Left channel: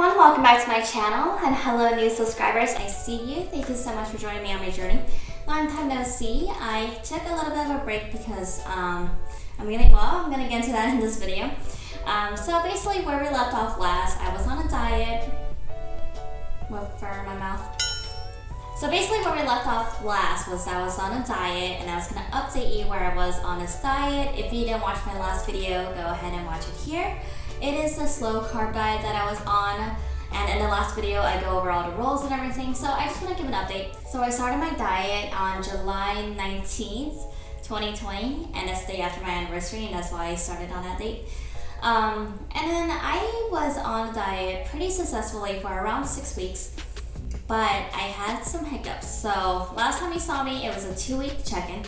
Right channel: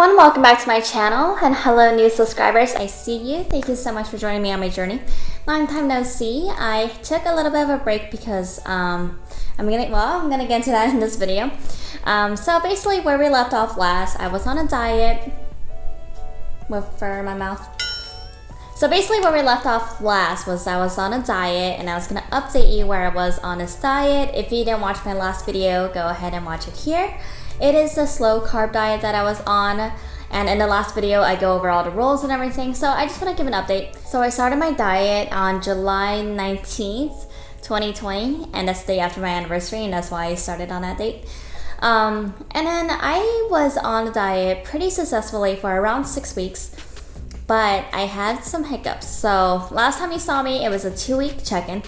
everyone, welcome back to my channel, and hello new subscribers, I see you. Thank you so much for joining me on my journey. Long time no see. I took a little bit of a break because I'm gonna get into that in this video. So basically where we left off last, I was on a diet with fur in my mouth. So basically where we left off last was I was on a diet, and I was gonna update you where I was on this diet. If you didn't watch my last video, go ahead and watch it here. It is a slow carb diet that I was on, and in the last video I go over all the rules and everything, so I just want to give an update. So I started my diet on July 19th, 2020, and that's the day after my anniversary, and that's why I started on that date. And then I was on the diet pretty successfully for around 6 weeks, but I had some hiccups. So last time you saw me, it was a 2-week check-in.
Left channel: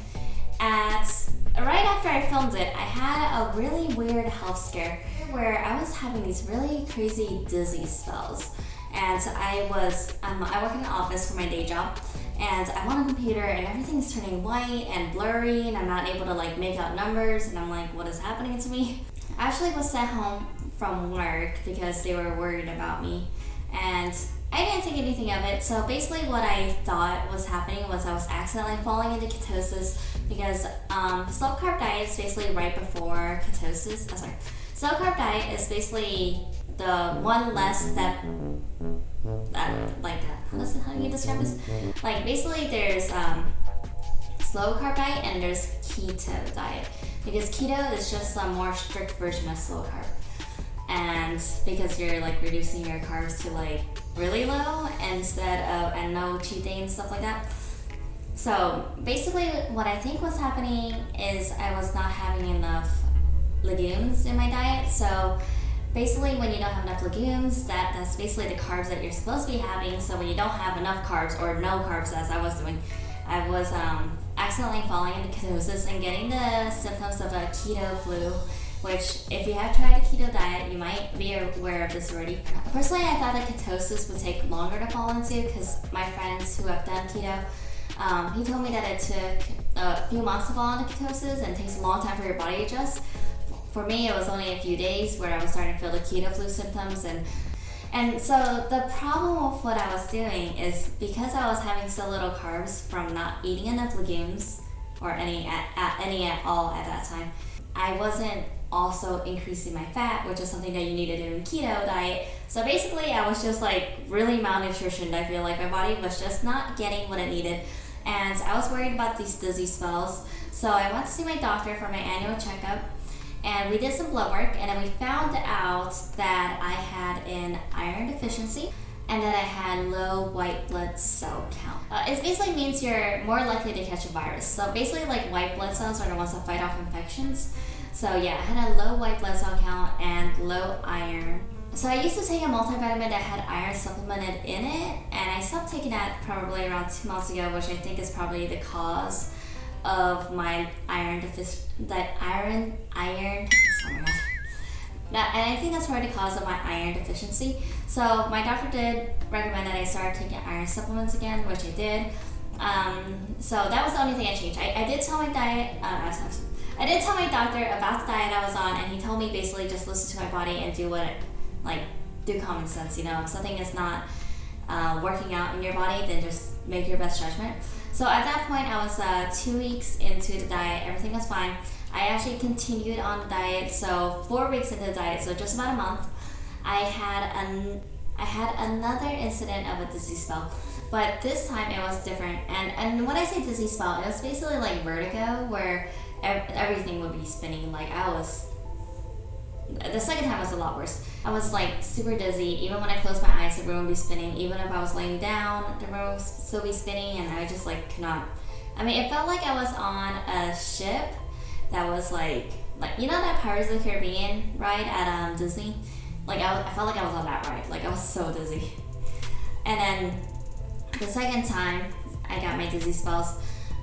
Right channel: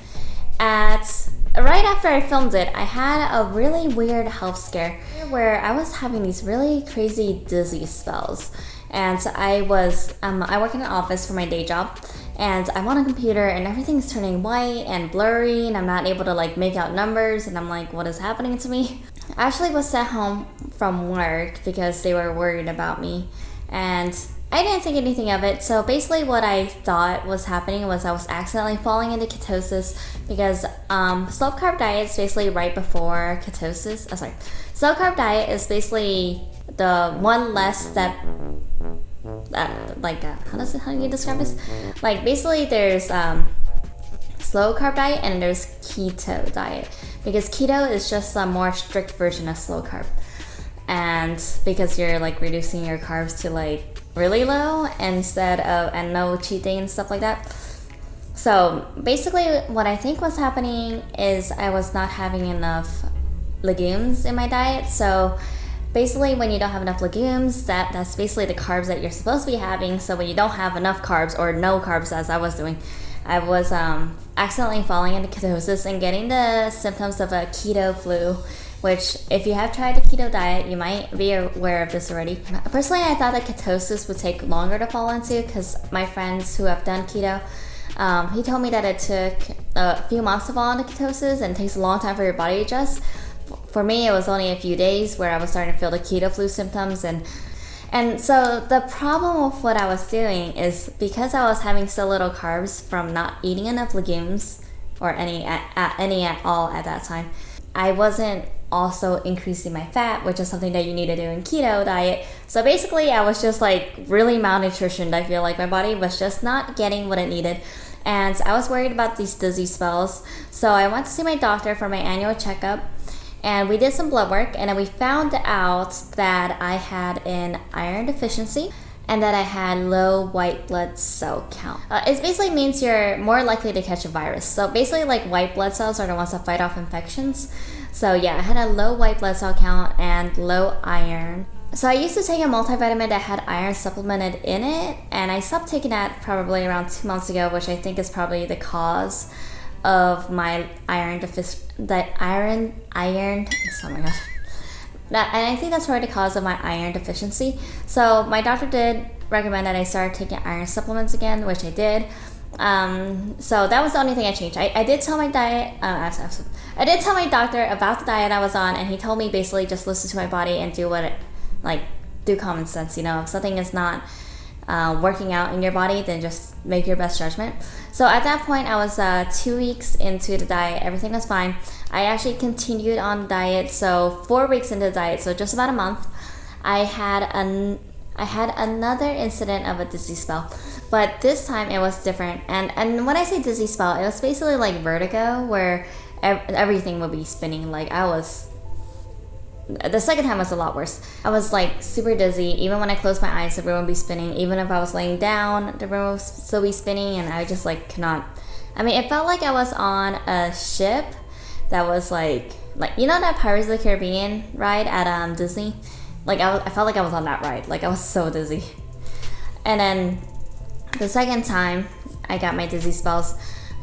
Right after I filmed it, I had a really weird health scare where I was having these really crazy dizzy spells. And I work in an office for my day job, and I'm on a computer and everything's turning white and blurry, and I'm not able to like make out numbers, and I'm like, what is happening to me? I actually was sent home from work because they were worried about me, and I didn't think anything of it. So basically what I thought was happening was I was accidentally falling into ketosis, because slow carb diet is basically right before ketosis. Slow carb diet is basically the one less step, how do you describe this? Like basically there's slow carb diet and there's keto diet, because keto is just a more strict version of slow carb. And because you're like reducing your carbs to like really low instead of, and no cheat day and stuff like that. So basically what I think was happening is I was not having enough legumes in my diet. So basically when you don't have enough legumes, that's basically the carbs that you're supposed to be having. So when you don't have enough carbs, or no carbs as I was doing, I was accidentally falling into ketosis and getting the symptoms of a keto flu, which if you have tried the keto diet, you might be aware of this already. Personally, I thought that ketosis would take longer to fall into, because my friends who have done keto, he told me that it took a few months to fall into ketosis and it takes a long time for your body to adjust. For me, it was only a few days where I was starting to feel the keto flu symptoms, and so the problem with what I was doing is because I was having so little carbs from not eating enough legumes, or any at all at that time, I wasn't also increasing my fat, which is something that you need to do in keto diet. So basically I was just like really malnutritioned. I feel like my body was just not getting what it needed, and I was worried about these dizzy spells. So I went to see my doctor for my annual checkup, and we did some blood work, and then we found out that I had an iron deficiency and that I had low white blood cell count. It basically means you're more likely to catch a virus. So basically like white blood cells are the ones that fight off infections. So yeah, I had a low white blood cell count and low iron. So I used to take a multivitamin that had iron supplemented in it, and I stopped taking that probably around 2 months ago, which I think is probably the cause of my iron deficiency. And I think that's probably the cause of my iron deficiency. So my doctor did recommend that I start taking iron supplements again, which I did. So that was the only thing I changed. I did tell my I did tell my doctor about the diet I was on, and he told me basically just listen to my body and do do common sense. You know, if something is not working out in your body, then just make your best judgment. So at that point, I was 2 weeks into the diet. Everything was fine. I actually continued on the diet. So 4 weeks into the diet, so just about a month, I had another incident of a dizzy spell, but this time it was different. And when I say dizzy spell, it was basically like vertigo, where everything would be spinning. Like the second time was a lot worse. I was like super dizzy. Even when I closed my eyes, the room would be spinning. Even if I was laying down, the room would still be spinning, and I just like could not. I mean, it felt like I was on a ship that was like you know that Pirates of the Caribbean ride at Disney? Like I felt like I was on that ride. Like I was so dizzy. And then the second time I got my dizzy spells,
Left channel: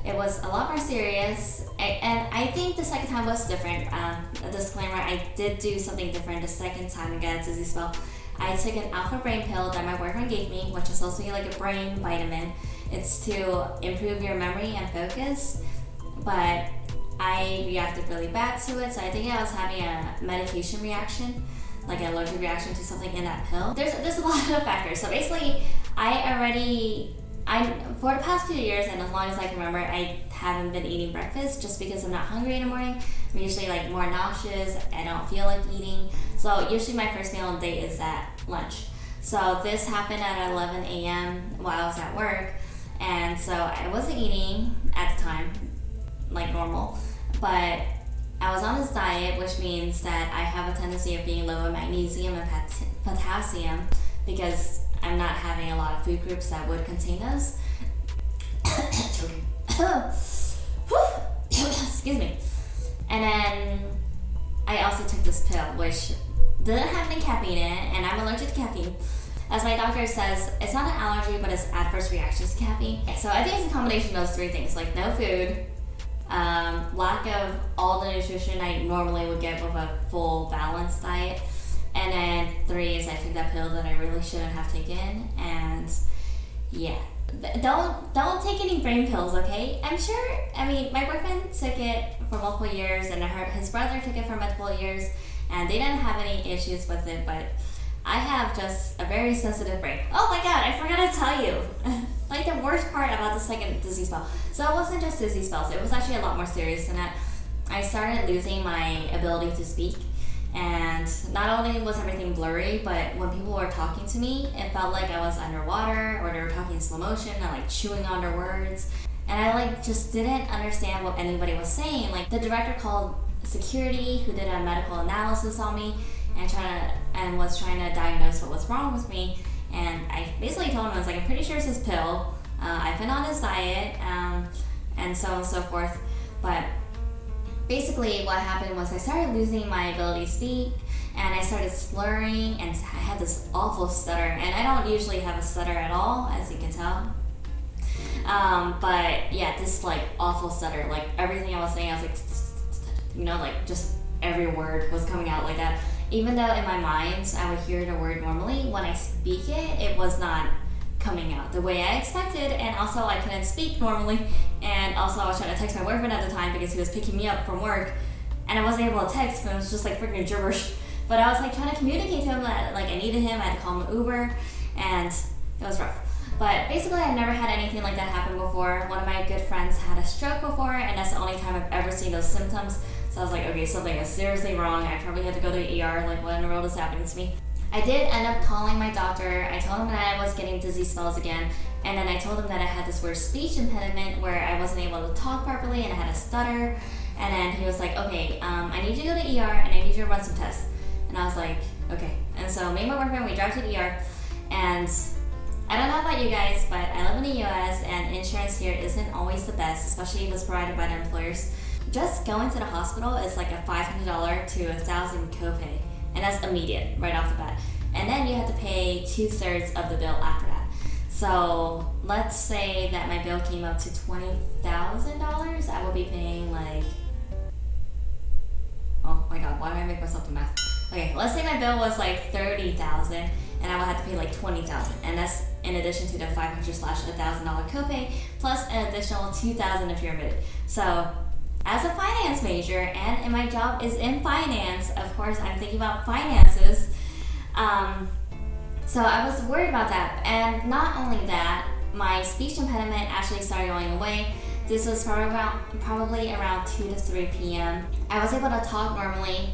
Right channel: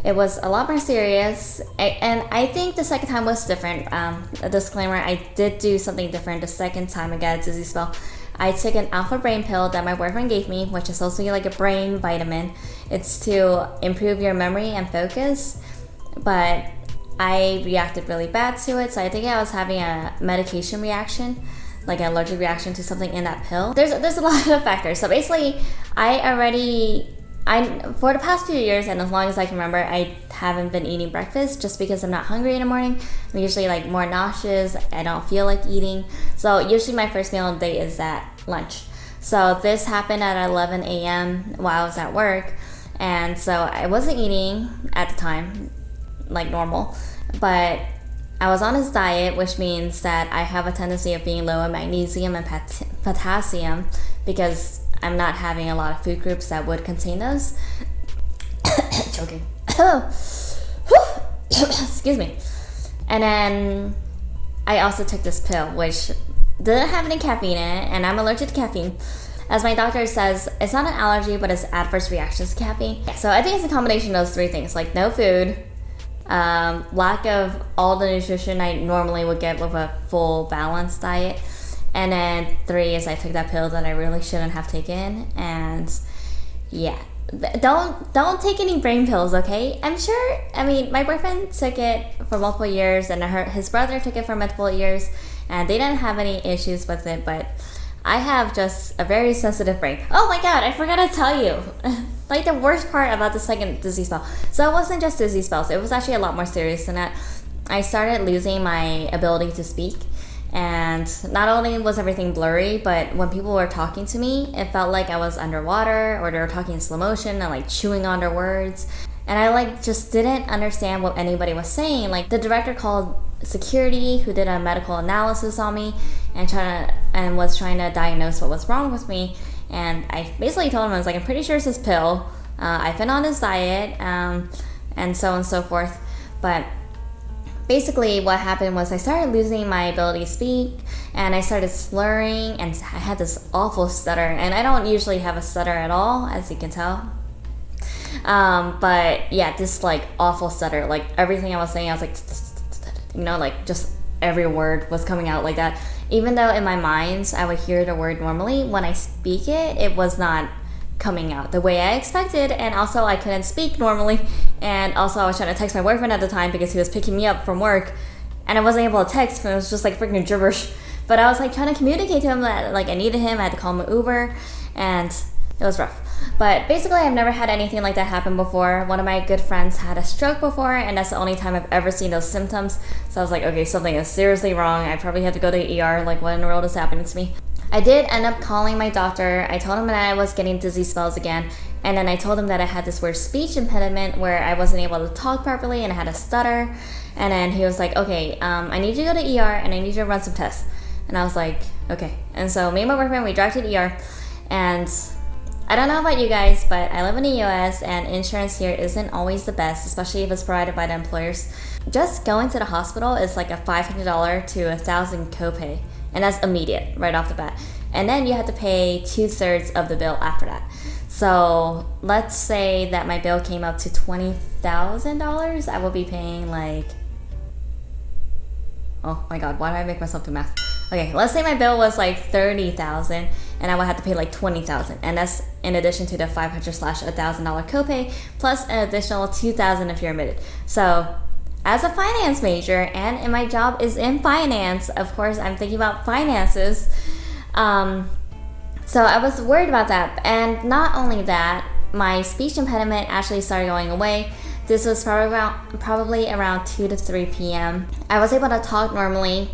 it was a lot more serious, and I think the second time was different. A disclaimer, I did do something different the second time I got a dizzy spell. I took an alpha brain pill that my boyfriend gave me, which is also like a brain vitamin. It's to improve your memory and focus, but I reacted really bad to it, so I think I was having a medication reaction. like an allergic reaction to something in that pill. There's a lot of factors. So basically, for the past few years, and as long as I can remember, I haven't been eating breakfast just because I'm not hungry in the morning. I'm usually like more nauseous. I don't feel like eating. So usually my first meal of the day is at lunch. So this happened at 11 a.m. while I was at work. And so I wasn't eating at the time like normal, but I was on this diet, which means that I have a tendency of being low in magnesium and potassium because I'm not having a lot of food groups that would contain those. Choking. Excuse me. And then I also took this pill, which didn't have any caffeine in it, and I'm allergic to caffeine. As my doctor says, it's not an allergy, but it's adverse reactions to caffeine. So I think it's a combination of those three things, like no food, lack of all the nutrition I normally would get with a full balanced diet, and then 3 is I took that pill that I really shouldn't have taken. And yeah, don't take any brain pills, okay? My boyfriend took it for multiple years, and his brother took it for multiple years, and they didn't have any issues with it, but I have just a very sensitive brain. Oh my god, I forgot to tell you. Like the worst part about the second dizzy spell. So it wasn't just dizzy spells, it was actually a lot more serious than that. I started losing my ability to speak, and not only was everything blurry, but when people were talking to me, it felt like I was underwater, or they were talking in slow motion and like chewing on their words. And I like just didn't understand what anybody was saying. Like the director called security, who did a medical analysis on me and was trying to diagnose what was wrong with me. And I basically told him, I was like, I'm pretty sure it's this pill. I've been on this diet, and so on and so forth. But basically what happened was I started losing my ability to speak, and I started slurring, and I had this awful stutter. And I don't usually have a stutter at all, as you can tell. But yeah, this like awful stutter. Like everything I was saying, I was like, like just every word was coming out like that. Even though in my mind I would hear the word normally, when I speak it, it was not coming out the way I expected. And also I couldn't speak normally. And also I was trying to text my boyfriend at the time because he was picking me up from work, and I wasn't able to text, and it was just like freaking gibberish. But I was like trying to communicate to him that like I needed him. I had to call him an Uber, and it was rough. But basically I've never had anything like that happen before. One of my good friends had a stroke before, and that's the only time I've ever seen those symptoms. So I was like, okay, something is seriously wrong. I probably have to go to the ER. Like, what in the world is happening to me? I did end up calling my doctor. I told him that I was getting dizzy spells again, and then I told him that I had this weird speech impediment where I wasn't able to talk properly and I had a stutter. And then he was like, okay, I need you to go to ER, and I need you to run some tests. And I was like, okay. And so me and my boyfriend, we drive to the ER, and I don't know about you guys, but I live in the US, and insurance here isn't always the best, especially if it's provided by the employers. Just going to the hospital is like a $500 to $1,000 copay, and that's immediate right off the bat. And then you have to pay 2/3 of the bill after that. So let's say that my bill came up to $20,000. I will be paying like, oh my god, why do I make myself do math? Okay, let's say my bill was like $30,000, and I would have to pay like $20,000, and that's in addition to the $500/$1,000 copay, plus an additional $2,000 if you're admitted. So as a finance major, and my job is in finance, of course I'm thinking about finances. So I was worried about that. And not only that, my speech impediment actually started going away. This was probably around 2 to 3 p.m. I was able to talk normally.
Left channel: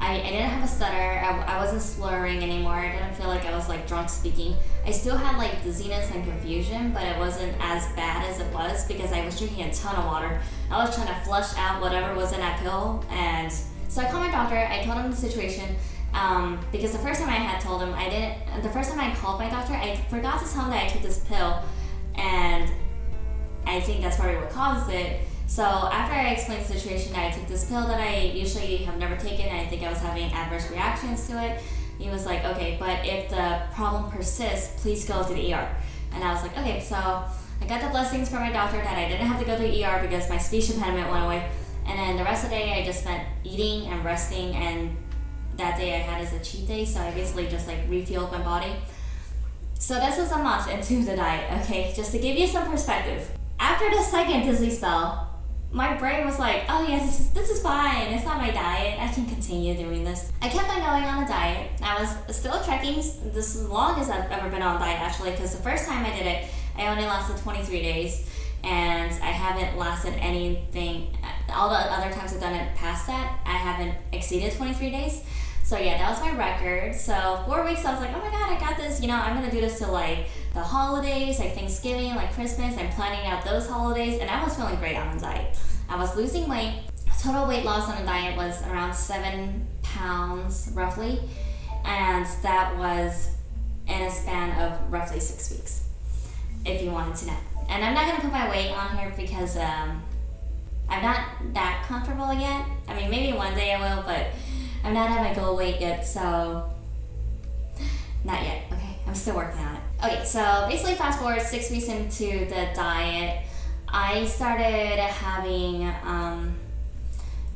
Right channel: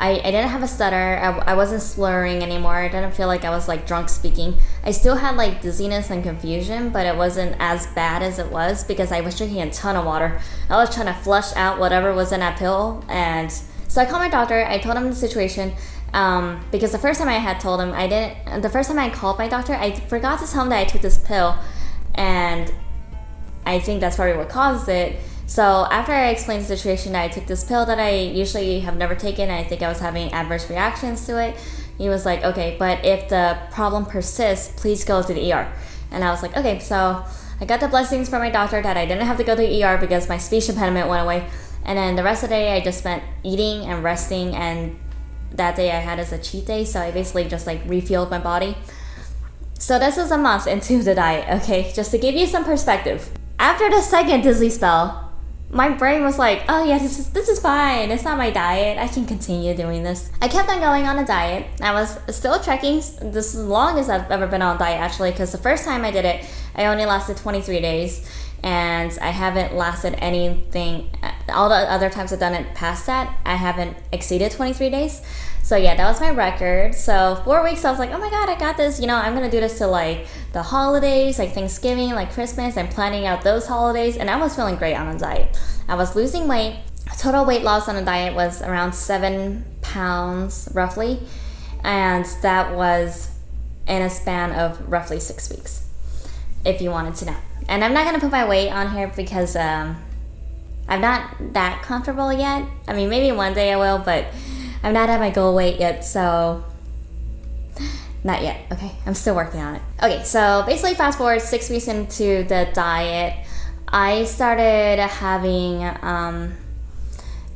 I didn't have a stutter. I wasn't slurring anymore. I didn't feel like I was like drunk speaking. I still had like dizziness and confusion, but it wasn't as bad as it was because I was drinking a ton of water. I was trying to flush out whatever was in that pill. And so I called my doctor. I told him the situation. Because the first time I had told him, the first time I called my doctor, I forgot to tell him that I took this pill, and I think that's probably what caused it. So after I explained the situation that I took this pill that I usually have never taken, I think I was having adverse reactions to it, he was like, okay, but if the problem persists, please go to the ER. And I was like, okay. So I got the blessings from my doctor that I didn't have to go to the ER because my speech impediment went away. And then the rest of the day I just spent eating and resting, and that day I had as a cheat day, so I basically just like refueled my body. So this was a month into the diet, okay, just to give you some perspective. After the second dizzy spell, my brain was like, oh yeah, this is fine. It's not my diet. I can continue doing this. I kept on going on a diet. I was still trekking this long as I've ever been on a diet, actually, because the first time I did it, I only lasted 23 days. And I haven't lasted anything. All the other times I've done it past that, I haven't exceeded 23 days. So yeah, that was my record. So 4 weeks, I was like, oh my god, I got this. I'm gonna do this till like the holidays, like Thanksgiving, like Christmas. I'm planning out those holidays, and I was feeling great on a diet. I was losing weight. Total weight loss on a diet was around 7 pounds, roughly, and that was in a span of roughly 6 weeks, if you wanted to know. And I'm not gonna put my weight on here because I'm not that comfortable yet. I mean, maybe one day I will, but I'm not at my goal weight yet, so not yet, okay? I'm still working on it. Okay, so basically fast forward 6 weeks into the diet, I started having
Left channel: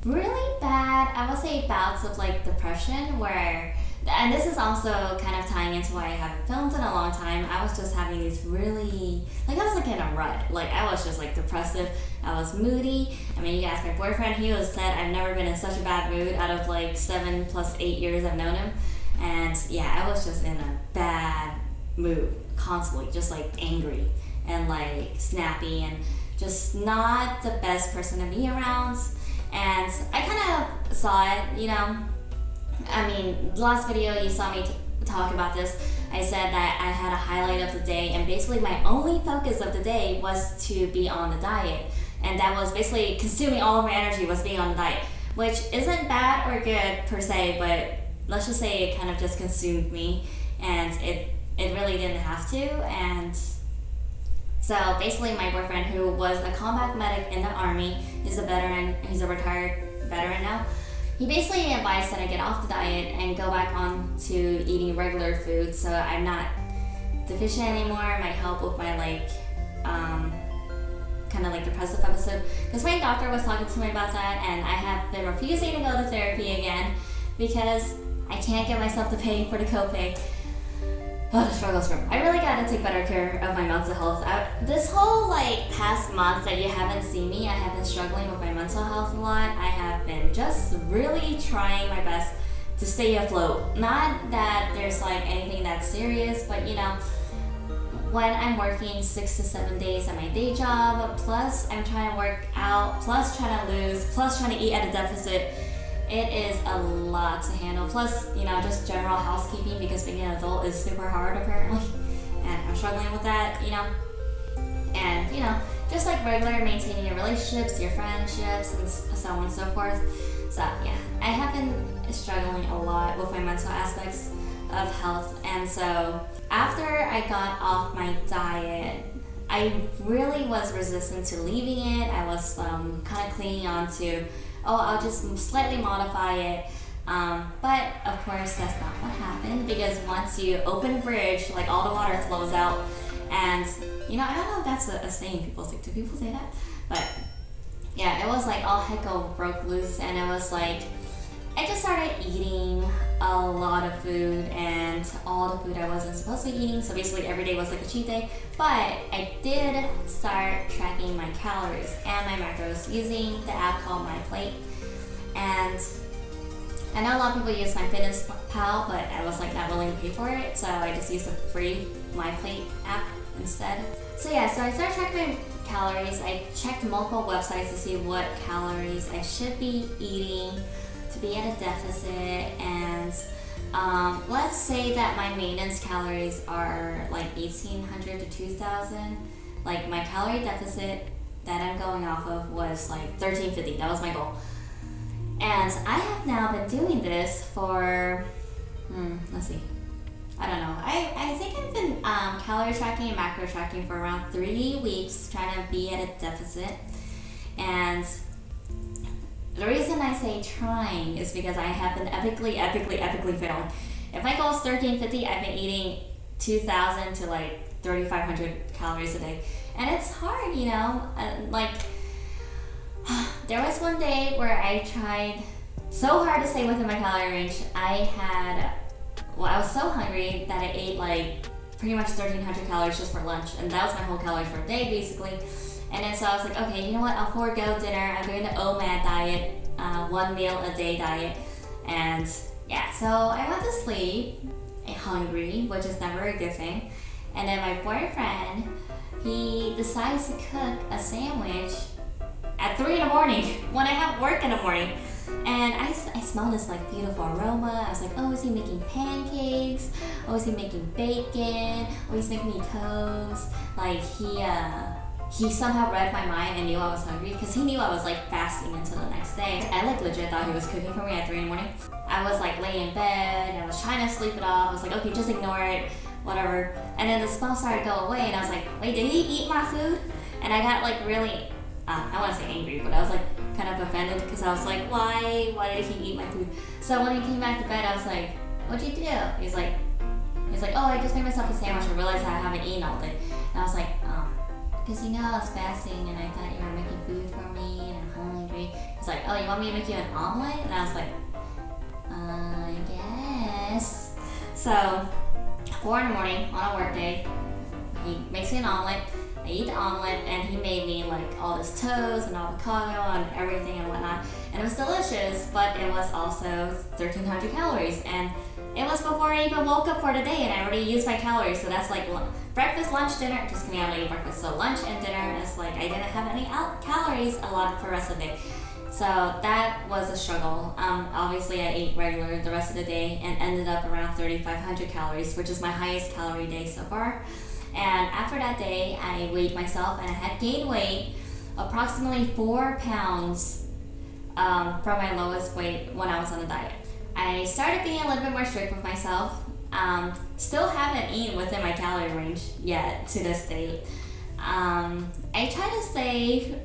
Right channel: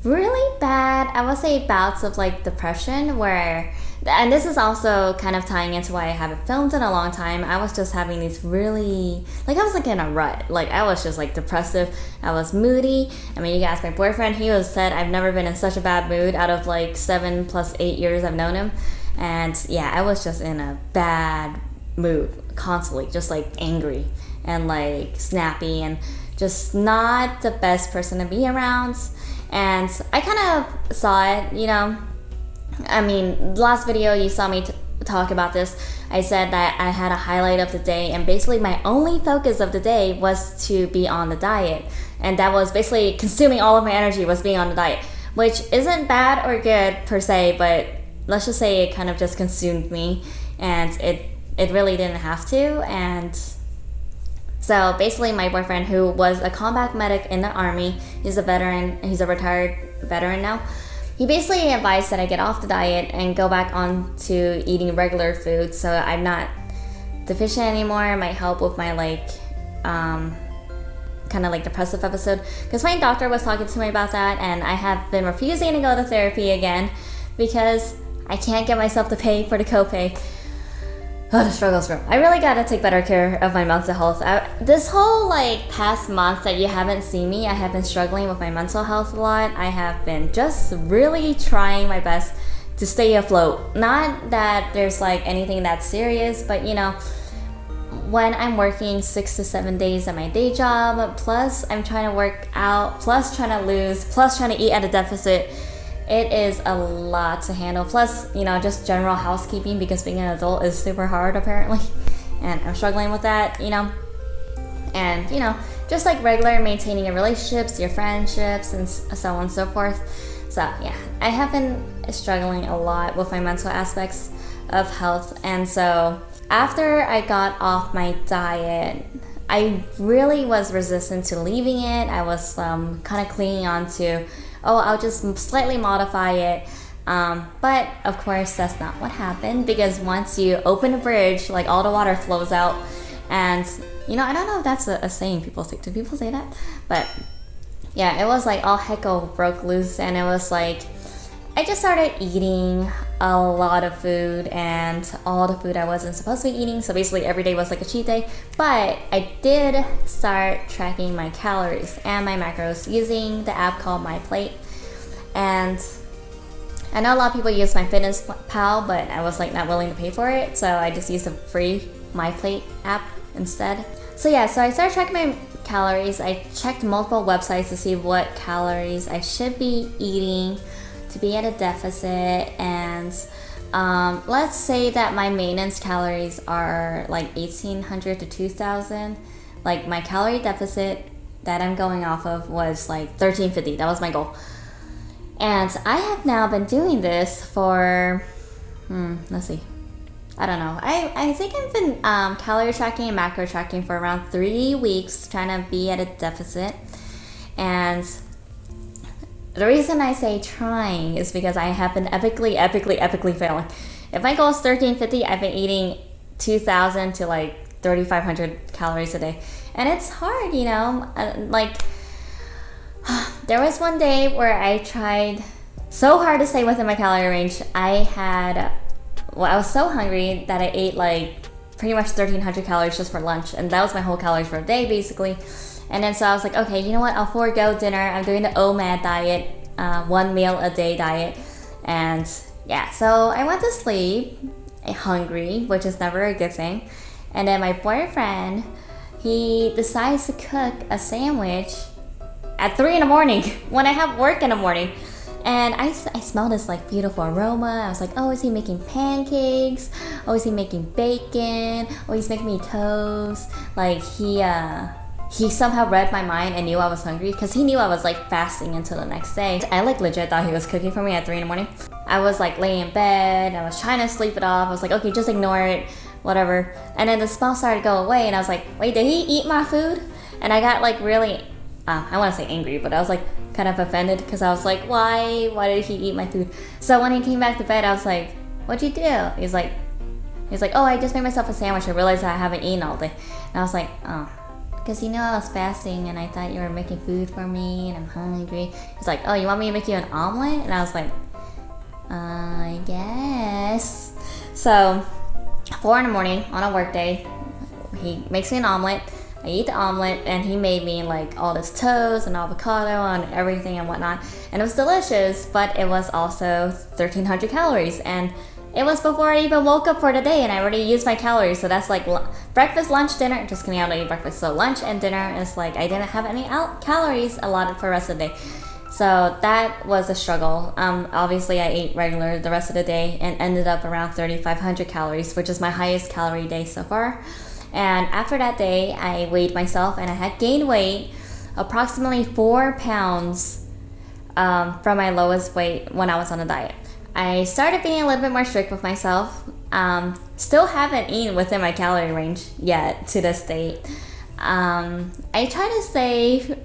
really bad, I would say, bouts of like depression where, and this is also kind of tying into why I haven't filmed in a long time. I was just having these really, like I was like in a rut. Like I was just like depressive. I was moody. I mean, you can ask my boyfriend. He said I've never been in such a bad mood out of like 7 + 8 years I've known him. And yeah, I was just in a bad mood constantly, just like angry and like snappy and just not the best person to be around. And I kind of saw it, I mean, last video you saw me talk about this. I said that I had a highlight of the day, and basically my only focus of the day was to be on the diet. And that was basically consuming all of my energy was being on the diet, which isn't bad or good per se, but let's just say it kind of just consumed me, and it really didn't have to. And so basically my boyfriend, who was a combat medic in the army, he's a veteran, he's a retired veteran now, he basically advised that I get off the diet and go back on to eating regular food so I'm not deficient anymore. It might help with my like kind of like depressive episode, because my doctor was talking to me about that, and I have been refusing to go to therapy again because I can't get myself to pay for the copay. Struggle. I really gotta take better care of my mental health. This whole like past month that you haven't seen me, I have been struggling with my mental health a lot. I have been just really trying my best to stay afloat. Not that there's like anything that serious, but when I'm working 6 to 7 days at my day job, plus I'm trying to work out, plus trying to lose, plus trying to eat at a deficit, it is a lot to handle. Plus, just general housekeeping, because being an adult is super hard apparently. And I'm struggling with that, And, just like regular maintaining your relationships, your friendships, and so on and so forth. So, yeah, I have been struggling a lot with my mental aspects of health. And so, after I got off my diet, I really was resistant to leaving it. I was kind of clinging on to, I'll just slightly modify it. But of course, that's not what happened, because once you open a bridge, like all the water flows out. And, I don't know if that's a saying people say. Do people say that? But yeah, it was like all heckle broke loose, and it was like, I just started eating a lot of food, and all the food I wasn't supposed to be eating. So basically every day was like a cheat day. But I did start tracking my calories and my macros using the app called My Plate. And I know a lot of people use My Fitness Pal, but I was like not willing to pay for it, so I just used a free My Plate app instead. So yeah, so I started tracking my calories. I checked multiple websites to see what calories I should be eating to be at a deficit, and let's say that my maintenance calories are like 1,800 to 2,000. Like my calorie deficit that I'm going off of was like 1,350. That was my goal. And I have now been doing this for, let's see, I don't know. I think I've been calorie tracking and macro tracking for around 3 weeks, trying to be at a deficit. And the reason I say trying is because I have been epically failing. If my goal is 1,350, I've been eating 2,000 to like 3,500 calories a day. And it's hard, like, there was one day where I tried so hard to stay within my calorie range. I was so hungry that I ate like pretty much 1,300 calories just for lunch. And that was my whole calories for a day, basically. And then so I was like, okay, you know what? I'll forego dinner. I'm doing the OMAD diet, 1 meal a day diet. And yeah, so I went to sleep hungry, which is never a good thing. And then my boyfriend, he decides to cook a sandwich at 3 in the morning when I have work in the morning. And I smell this like beautiful aroma. I was like, oh, is he making pancakes? Oh, is he making bacon? Oh, he's making me toast. Like he somehow read my mind and knew I was hungry because he knew I was like fasting until the next day. I like legit thought he was cooking for me at 3 in the morning. I was like laying in bed. I was trying to sleep it off. I was like, okay, just ignore it, whatever. And then the smell started to go away and I was like, wait, did he eat my food? And I got like really, I want to say angry, but I was like kind of offended because I was like, why did he eat my food? So when he came back to bed, I was like, what'd you do? He's like, oh, I just made myself a sandwich. I realized I haven't eaten all day. And I was like, oh, because you know I was fasting and I thought you were making food for me and I'm hungry. He's like, oh, you want me to make you an omelet? And I was like, I guess. So 4 in the morning on a work day, he makes me an omelet. I eat the omelet and he made me like all this toast and avocado and everything and whatnot. And it was delicious, but it was also 1,300 calories. And it was before I even woke up for the day and I already used my calories. So that's like breakfast, lunch, dinner. Just kidding, I don't eat breakfast. So lunch and dinner is like I didn't have any calories allotted for the rest of the day. So that was a struggle. Obviously I ate regular the rest of the day and ended up around 3,500 calories, which is my highest calorie day so far. And after that day, I weighed myself and I had gained weight approximately 4 pounds from my lowest weight when I was on a diet. I started being a little bit more strict with myself. Still haven't eaten within my calorie range yet to this date. I try to stay,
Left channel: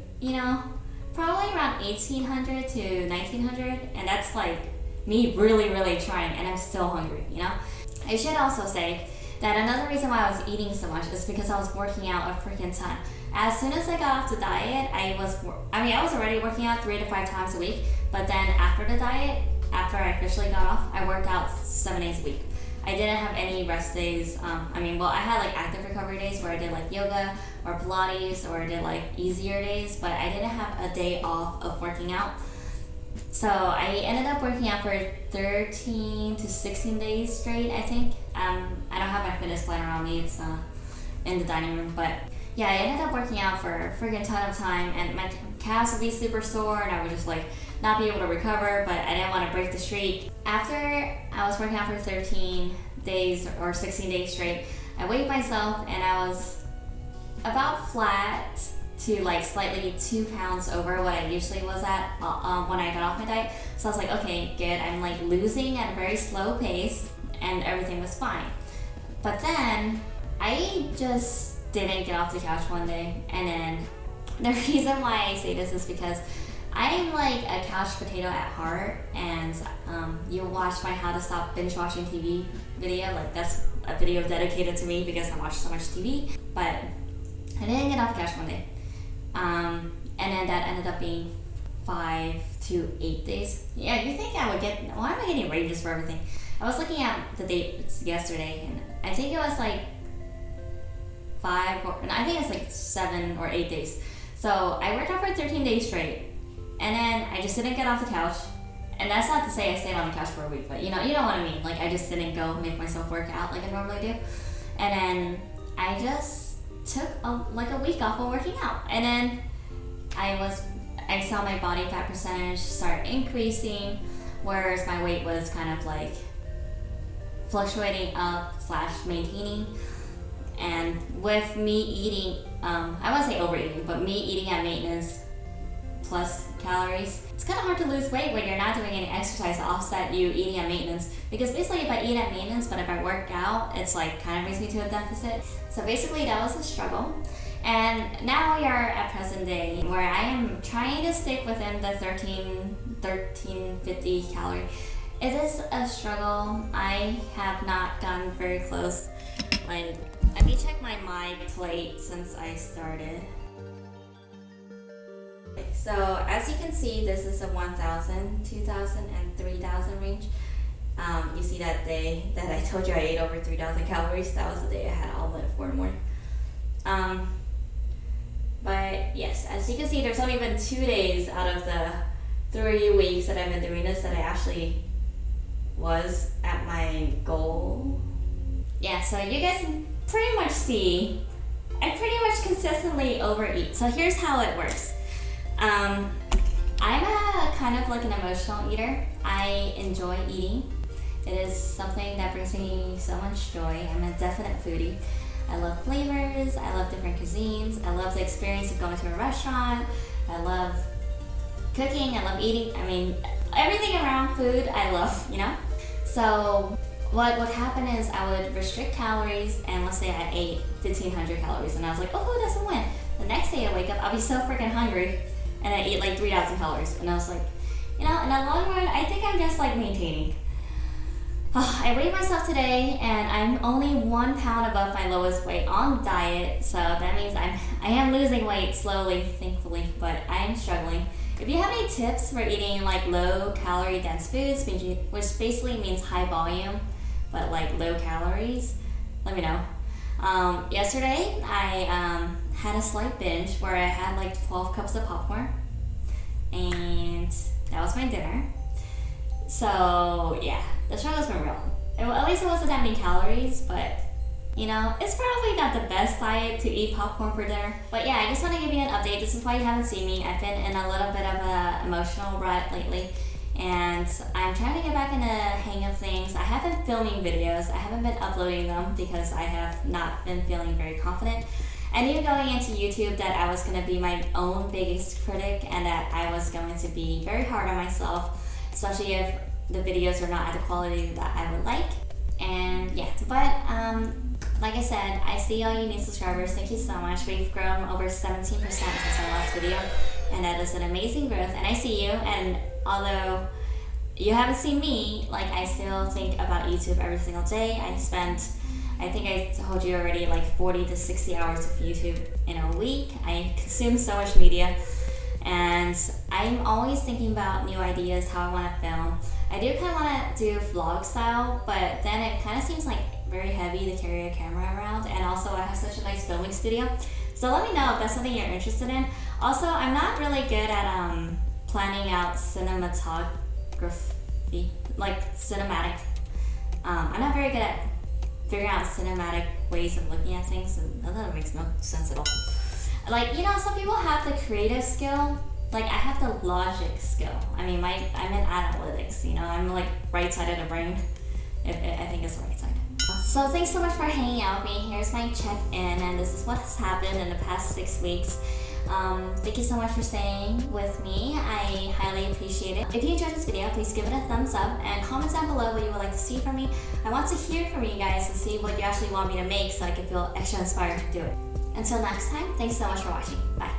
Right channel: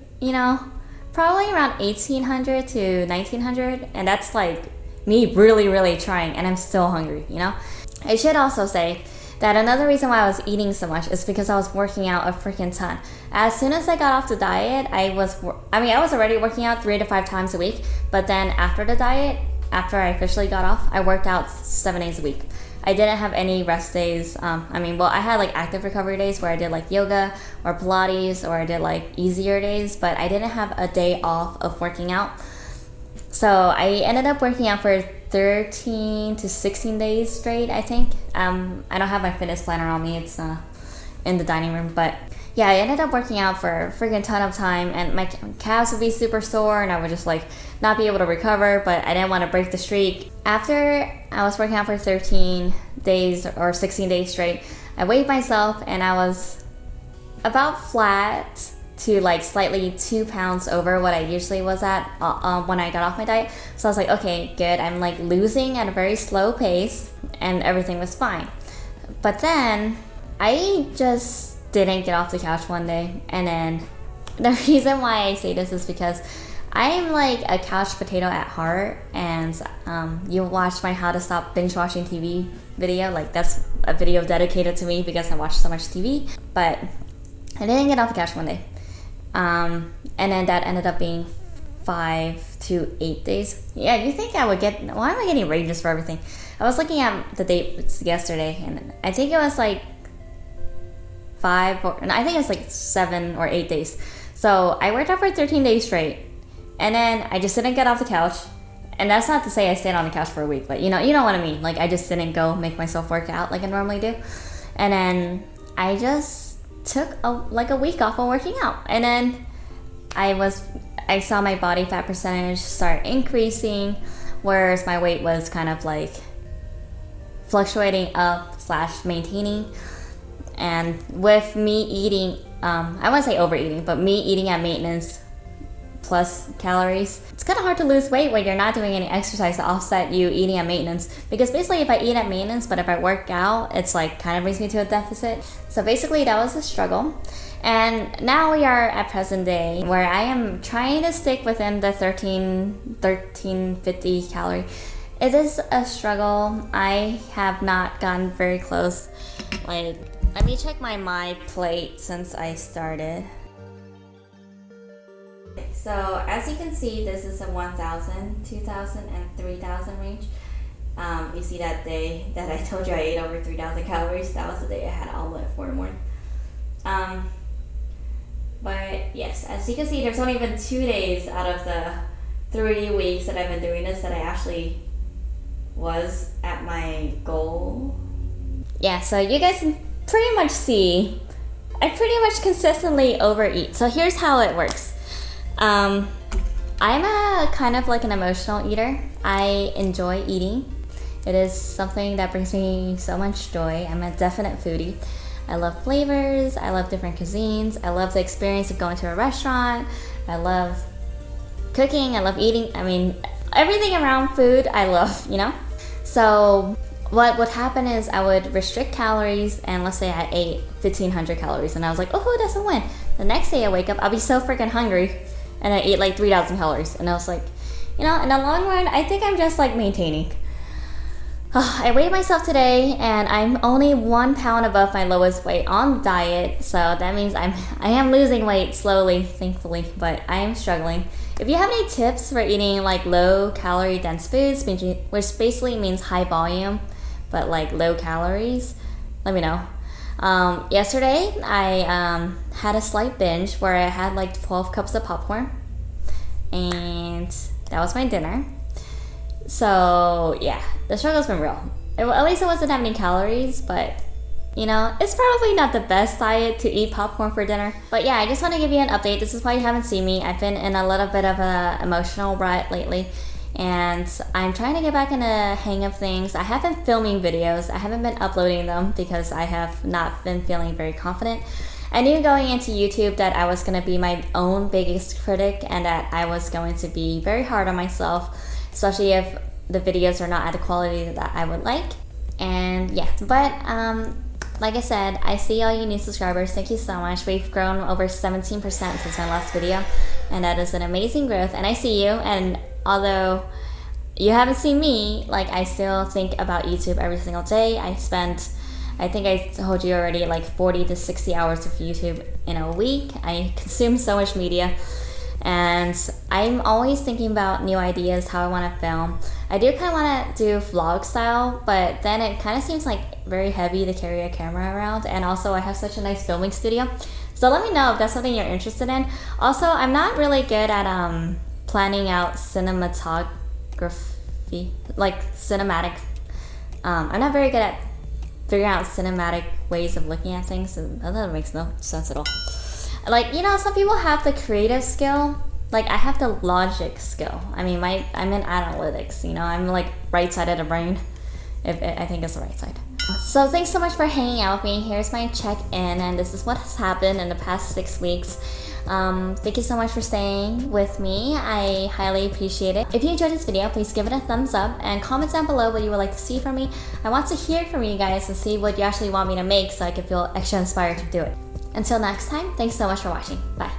probably around 1,800 to 1,900, and that's like me really, really trying, and I'm still hungry, I should also say that another reason why I was eating so much is because I was working out a freaking ton. As soon as I got off the diet, I was already working out 3 to 5 times a week, but then after the diet, after I officially got off, I worked out 7 days a week. I didn't have any rest days. I had like active recovery days where I did like yoga or Pilates or I did like easier days, but I didn't have a day off of working out. So I ended up working out for 13 to 16 days straight, I think. I don't have my fitness planner on me, it's in the dining room, but yeah, I ended up working out for a freaking ton of time and my calves would be super sore and I would just like not be able to recover, but I didn't want to break the streak. After I was working out for 13 days or 16 days straight, I weighed myself and I was about flat to like slightly 2 pounds over what I usually was at when I got off my diet. So I was like, okay, good. I'm like losing at a very slow pace and everything was fine. But then I just didn't get off the couch one day. And then the reason why I say this is because I'm like a couch potato at heart, and you watched my how to stop binge watching TV video. Like that's a video dedicated to me because I watch so much TV. But I didn't get off the couch one day. And then that ended up being 5 to 8 days. Yeah, you think I would get, why am I getting ranges for everything? I was looking at the dates yesterday and I think it was like 7 or 8 days. So I worked out for 13 days straight and then I just didn't get off the couch. And that's not to say I stayed on the couch for a week, but you know what I mean. Like I just didn't go make myself work out like I normally do. And then I just took a week off of working out, and then I saw my body fat percentage start increasing, whereas my weight was kind of like fluctuating up / maintaining. And with me eating, I wouldn't say overeating, but me eating at maintenance plus calories, it's kind of hard to lose weight when you're not doing any exercise to offset you eating at maintenance. Because basically if I eat at maintenance, but if I work out, it's like kind of brings me to a deficit. So basically that was a struggle. And now we are at present day where I am trying to stick within the 1350 calorie. It is a struggle. I have not gotten very close. Like, let me check my plate since I started. So as you can see, this is a 1,000, 2,000, and 3,000 range. You see that day that I told you I ate over 3,000 calories? That was the day I had an omelet at 4 in the morning. But yes, as you can see, there's only been 2 days out of the 3 weeks that I've been doing this that I actually was at my goal. Yeah, so you guys can pretty much see I pretty much consistently overeat. So here's how it works. I'm a kind of like an emotional eater. I enjoy eating. It is something that brings me so much joy. I'm a definite foodie. I love flavors, I love different cuisines, I love the experience of going to a restaurant, I love cooking, I love eating. I mean, everything around food I love, you know? So what would happen is I would restrict calories, and let's say I ate 1,500 calories and I was like, oh, that's a win. The next day I wake up, I'll be so freaking hungry and I ate like 3,000 calories. And I was like, you know, in the long run, I think I'm just like maintaining. I weighed myself today and I'm only 1 pound above my lowest weight on diet, so that means I am losing weight slowly, thankfully, but I am struggling. If you have any tips for eating like low calorie dense foods, which basically means high volume but like low calories, let me know. Yesterday I had a slight binge where I had like 12 cups of popcorn, and that was my dinner. So yeah, the struggle's been real. At least it wasn't that many calories, but you know, it's probably not the best diet to eat popcorn for dinner. But yeah, I just want to give you an update. This is why you haven't seen me. I've been in a little bit of a emotional rut lately, and I'm trying to get back in the hang of things. I have been filming videos. I haven't been uploading them because I have not been feeling very confident. I knew going into YouTube that I was going to be my own biggest critic and that I was going to be very hard on myself, especially if the videos are not at the quality that I would like. And yeah, but like I said, I see all you new subscribers. Thank you so much. We've grown over 17% since my last video, and that is an amazing growth. And I see you, and although you haven't seen me, like I still think about YouTube every single day. I think I told you already, like 40 to 60 hours of YouTube in a week. I consume so much media, and I'm always thinking about new ideas, how I want to film. I do kind of want to do vlog style, but then it kind of seems like very heavy to carry a camera around, and also I have such a nice filming studio. So let me know if that's something you're interested in. Also, I'm not really good at planning out cinematography, like cinematic. I'm not very good at figuring out cinematic ways of looking at things, and that makes no sense at all. Like, you know, some people have the creative skill. Like, I have the logic skill. I mean, I'm in analytics, you know, I'm like right side of the brain. I think it's the right side. So thanks so much for hanging out with me. Here's my check-in, and this is what has happened in the past 6 weeks. Thank you so much for staying with me. I highly appreciate it. If you enjoyed this video, please give it a thumbs up and comment down below what you would like to see from me. I want to hear from you guys and see what you actually want me to make so I can feel extra inspired to do it. Until next time, thanks so much for watching. Bye.